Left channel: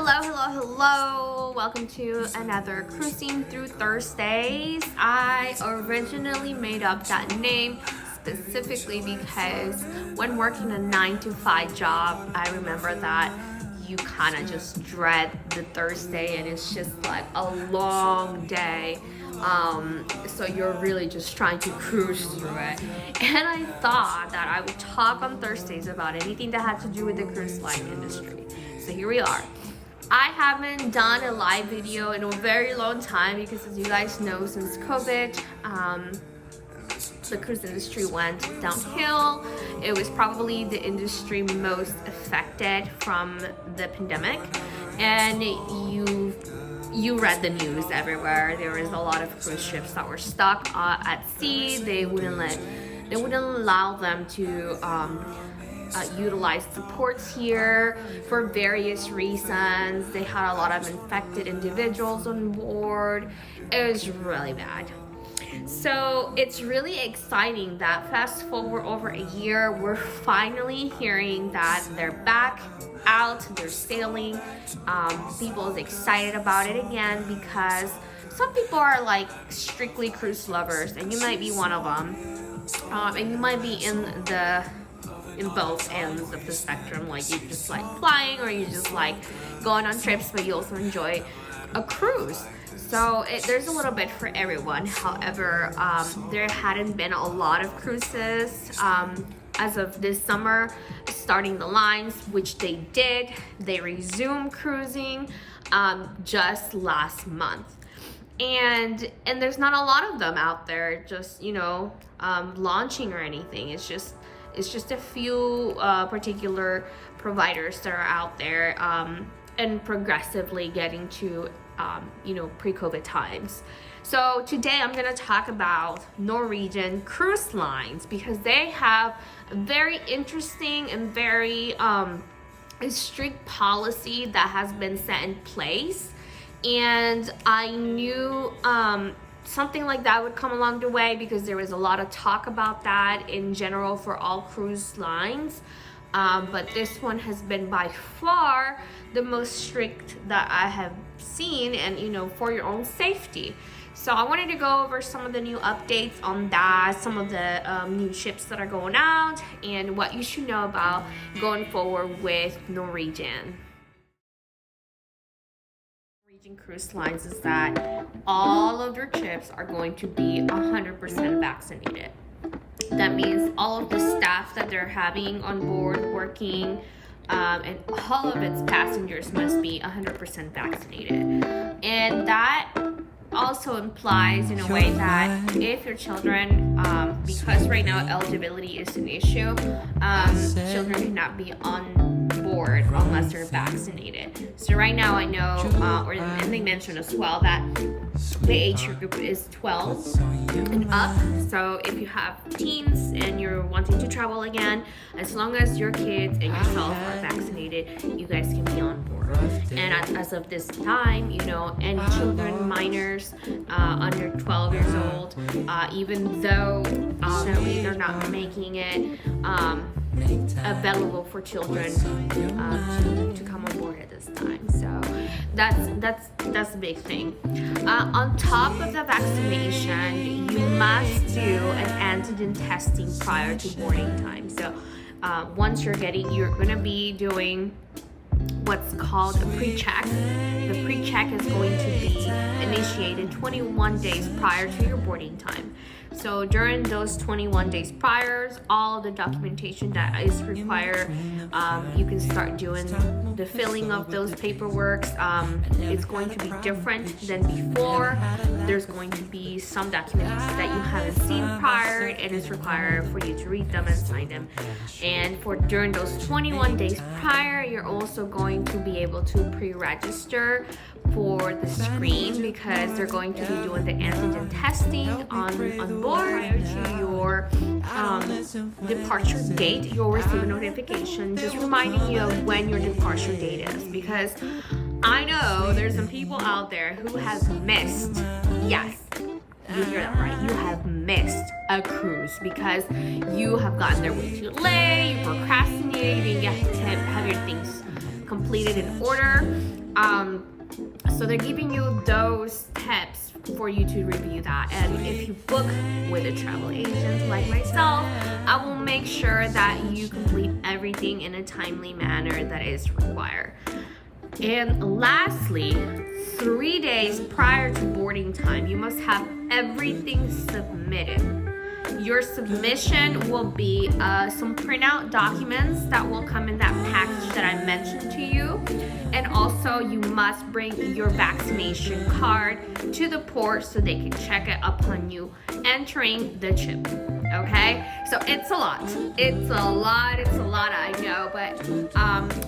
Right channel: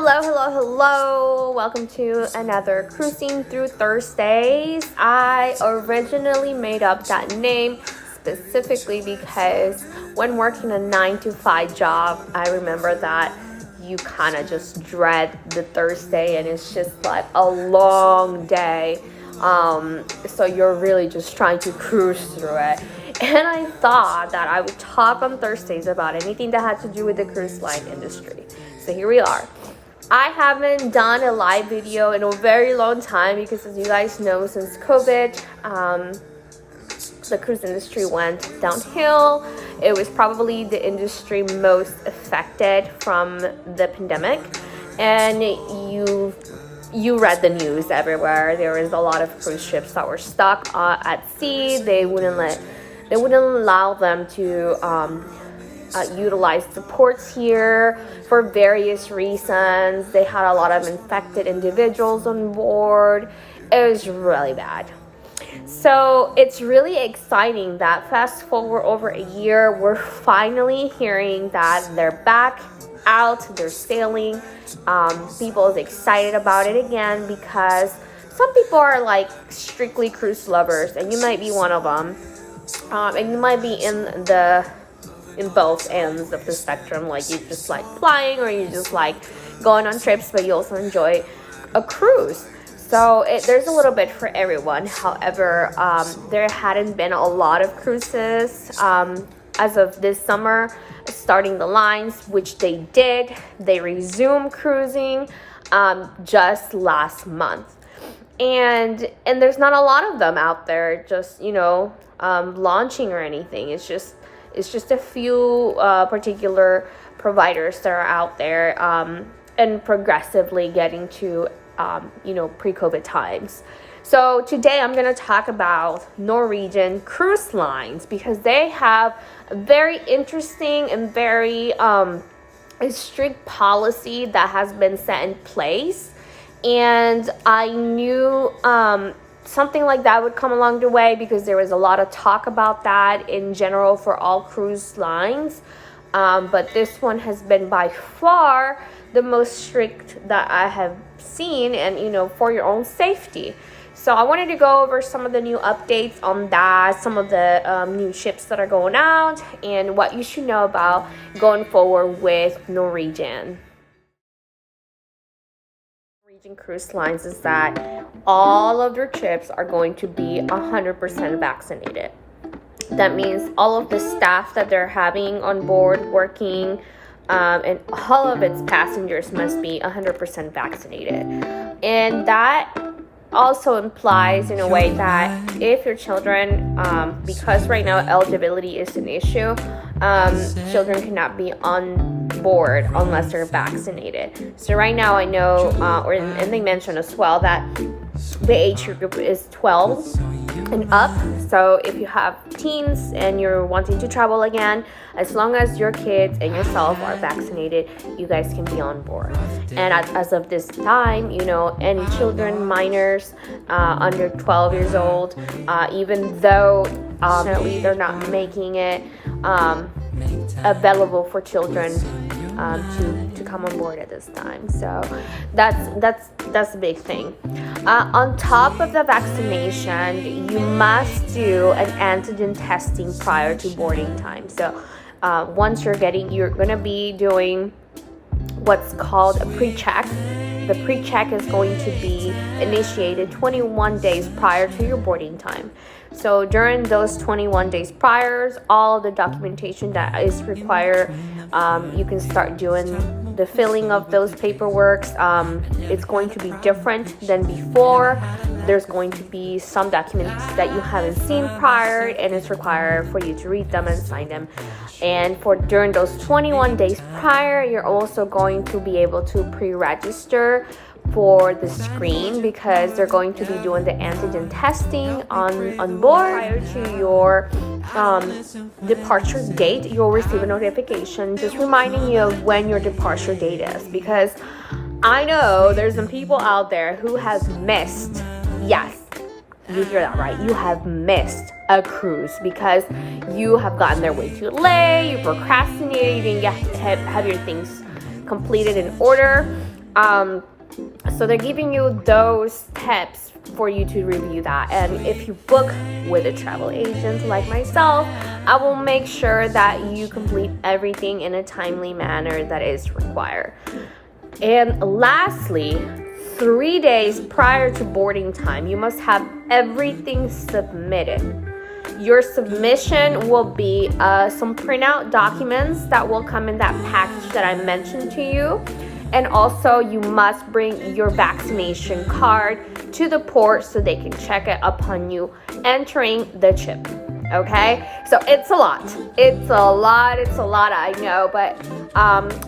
Hello. Welcome to another Cruising Through Thursdays. I originally made up that name specifically because when working a 9-to-5 job, I remember that you kind of just dread the Thursday and it's just like a long day. So you're really just trying to cruise through it. And I thought that I would talk on Thursdays about anything that had to do with the cruise line industry. So here we are. I haven't done a live video in a very long time because, as you guys know, since COVID, the cruise industry went downhill. It was probably the industry most affected from the pandemic. And you read the news everywhere. There was a lot of cruise ships that were stuck at sea. They wouldn't allow them to utilize the ports here for various reasons. They had a lot of infected individuals on board. It was really bad. So it's really exciting that fast forward over a year, we're finally hearing that they're back out, they're sailing. People is excited about it again because some people are like strictly cruise lovers, and you might be one of them. And you might be in both ends of the spectrum, like you just like flying or you just like going on trips, but you also enjoy a cruise. So there's a little bit for everyone. However, there hadn't been a lot of cruises as of this summer starting the lines, which they did. They resumed cruising just last month, and there's not a lot of them out there just launching or anything. It's just a few particular providers that are out there and progressively getting to pre-COVID times. So today I'm going to talk about Norwegian Cruise Lines because they have a very interesting and very strict policy that has been set in place. And I knew something like that would come along the way because there was a lot of talk about that in general for all cruise lines. But this one has been by far the most strict that I have seen, and for your own safety. So I wanted to go over some of the new updates on that, some of the new ships that are going out, and what you should know about going forward with Norwegian Cruise Lines is that all of their ships are going to be 100% vaccinated. That means all of the staff that they're having on board working and all of its passengers must be 100% vaccinated. And that also implies in a way that if your children, because right now eligibility is an issue, children cannot be on board unless they're vaccinated. So right now I know, and they mentioned as well that the age group is 12 and up. So if you have teens and you're wanting to travel again, as long as your kids and yourself are vaccinated, you guys can be on board. And as of this time, any children, minors under 12 years old, even though they're not making it available for children to come on board at this time. So that's a big thing. On top of the vaccination, you must do an antigen testing prior to boarding time. So once you're going to be doing what's called a pre-check. The pre-check is going to be initiated 21 days prior to your boarding time. So during those 21 days prior, all the documentation that is required, you can start doing the filling of those paperwork. It's going to be different than before. There's going to be some documents that you haven't seen prior, and it's required for you to read them and sign them. And during those 21 days prior, you're also going to be able to pre-register for the screen because they're going to be doing the antigen testing on board. Prior to your departure date, you'll receive a notification just reminding you of when your departure date is, because I know there's some people out there who have missed, yes, you hear that right, you have missed a cruise because you have gotten there way too late, you procrastinated, you didn't get to have your things completed in order. So they're giving you those tips for you to review that. And if you book with a travel agent like myself, I will make sure that you complete everything in a timely manner that is required. And lastly, 3 days prior to boarding time, you must have everything submitted. Your submission will be some printout documents that will come in that package that I mentioned to you. And also you must bring your vaccination card to the port so they can check it upon you entering the ship. Okay, so it's a lot, I know, but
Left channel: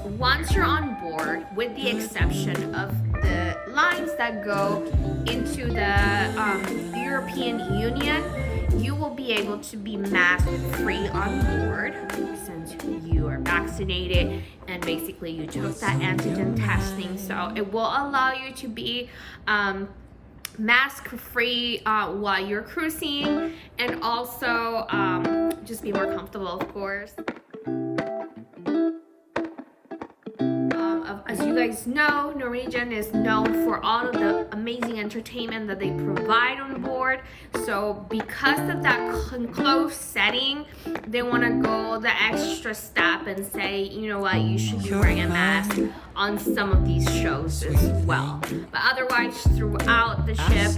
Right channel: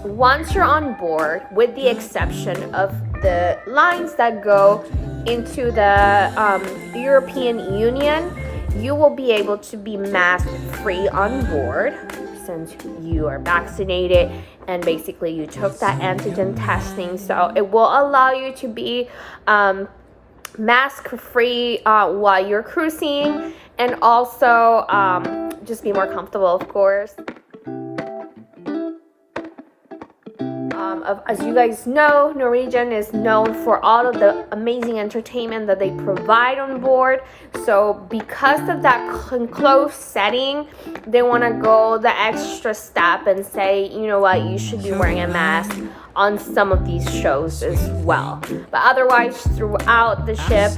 once you're on board, with the exception of the lines that go into the European Union, you will be able to be mask free on board since you are vaccinated and basically you took that antigen testing. So it will allow you to be mask free while you're cruising, and also just be more comfortable, of course. As you guys know, Norwegian is known for all of the amazing entertainment that they provide on board. So because of that enclosed setting, they want to go the extra step and say, you know what, you should be wearing a mask on some of these shows as well. But otherwise, throughout the ship,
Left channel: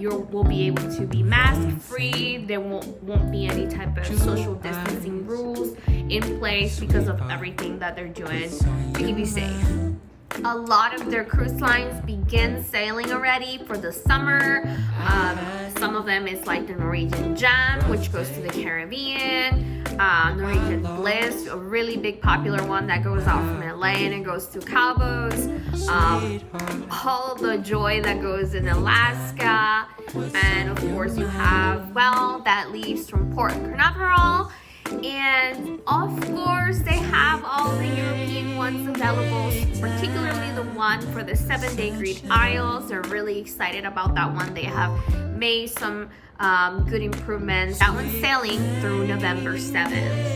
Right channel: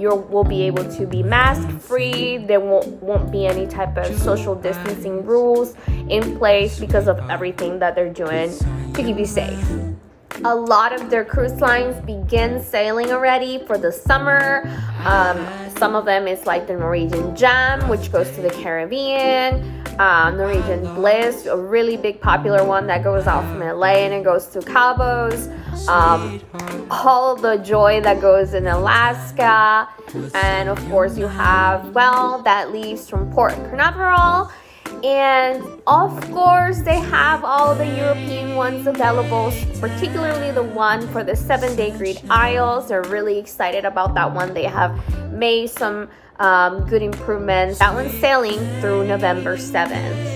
you will be able to be mask free. There won't be any type of social distancing rules in place because of everything that they're doing to keep you safe. A lot of their cruise lines begin sailing already for the summer. Some of them is like the Norwegian Gem, which goes to the Caribbean. Norwegian Bliss, a really big popular one that goes out from LA and it goes to Cabos. All the Joy that goes in Alaska. And of course you have, well, that leaves from Port Canaveral. And of course they have all the European ones available, particularly the one for the 7-day Greek Isles. They're really excited about that one. They have made some good improvements. That one's sailing through November 7th.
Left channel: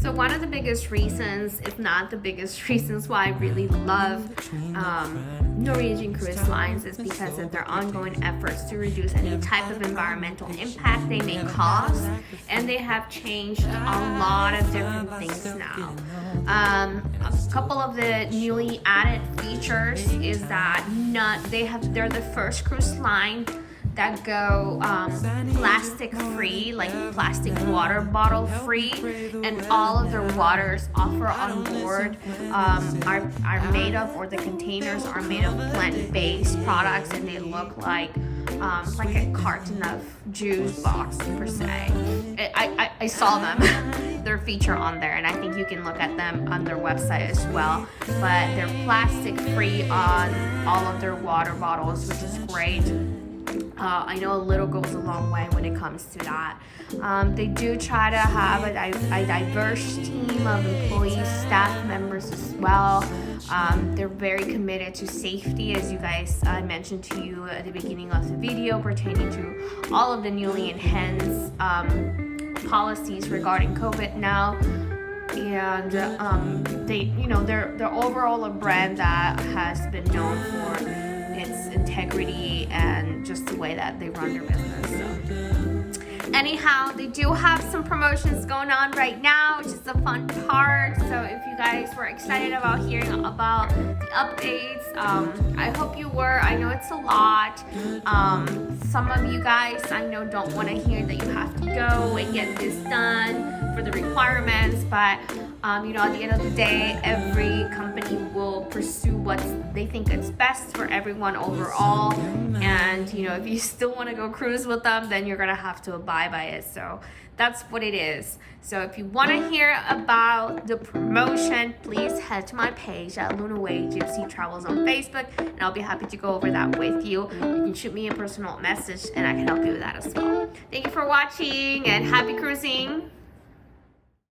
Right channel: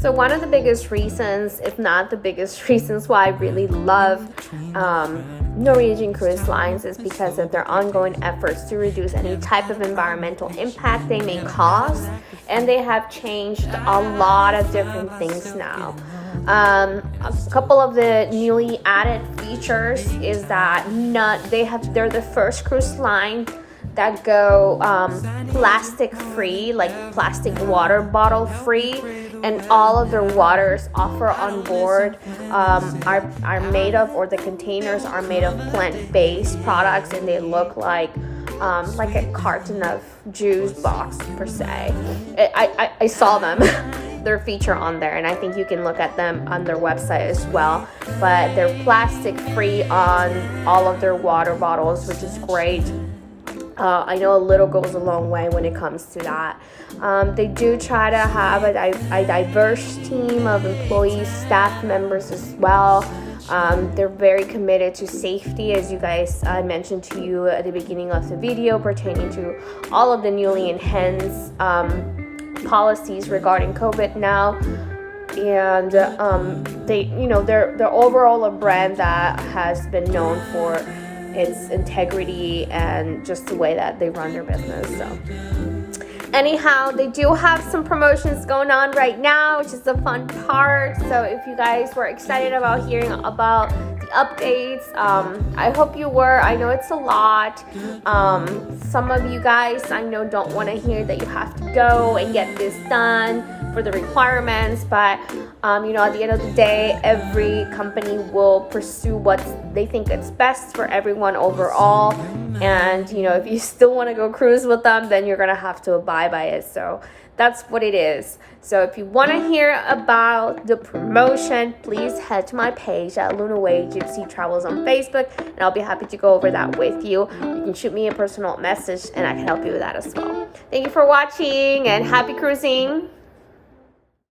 So one of the biggest reasons, if not the biggest reasons why I really love Norwegian Cruise Lines is because of their ongoing efforts to reduce any type of environmental impact they may cause. And they have changed a lot of different things now. A couple of the newly added features is that they're the first cruise line that go plastic free, like plastic water bottle free, and all of their waters offered on board are made of, or the containers are made of plant-based products, and they look like a carton of juice box per se. I saw them. Their feature on there, and I think you can look at them on their website as well. But they're plastic free on all of their water bottles, which is great. I know a little goes a long way when it comes to that. They do try to have a diverse team of employees, staff members as well. They're very committed to safety, as you guys mentioned to you at the beginning of the video, pertaining to all of the newly enhanced policies regarding COVID now. And they're overall a brand that has been known for its integrity and just the way that they run their business. So anyhow, they do have some promotions going on right now, which is the fun part. So if you guys were excited about hearing about the updates, I hope you were. I know it's a lot. Some of you guys I know don't want to hear that you have to go and get this done for the requirements, but at the end of the day, every company will pursue what they think is best for everyone overall. And if you still want to go cruise with them, then you're gonna have to abide by it. So that's what it is. So if you want to hear about the promotion, please head to my page at Luna Way Gypsy Travels on Facebook, and I'll be happy to go over that with you. You can shoot me a personal message and I can help you with that as well. Thank you for watching and happy cruising.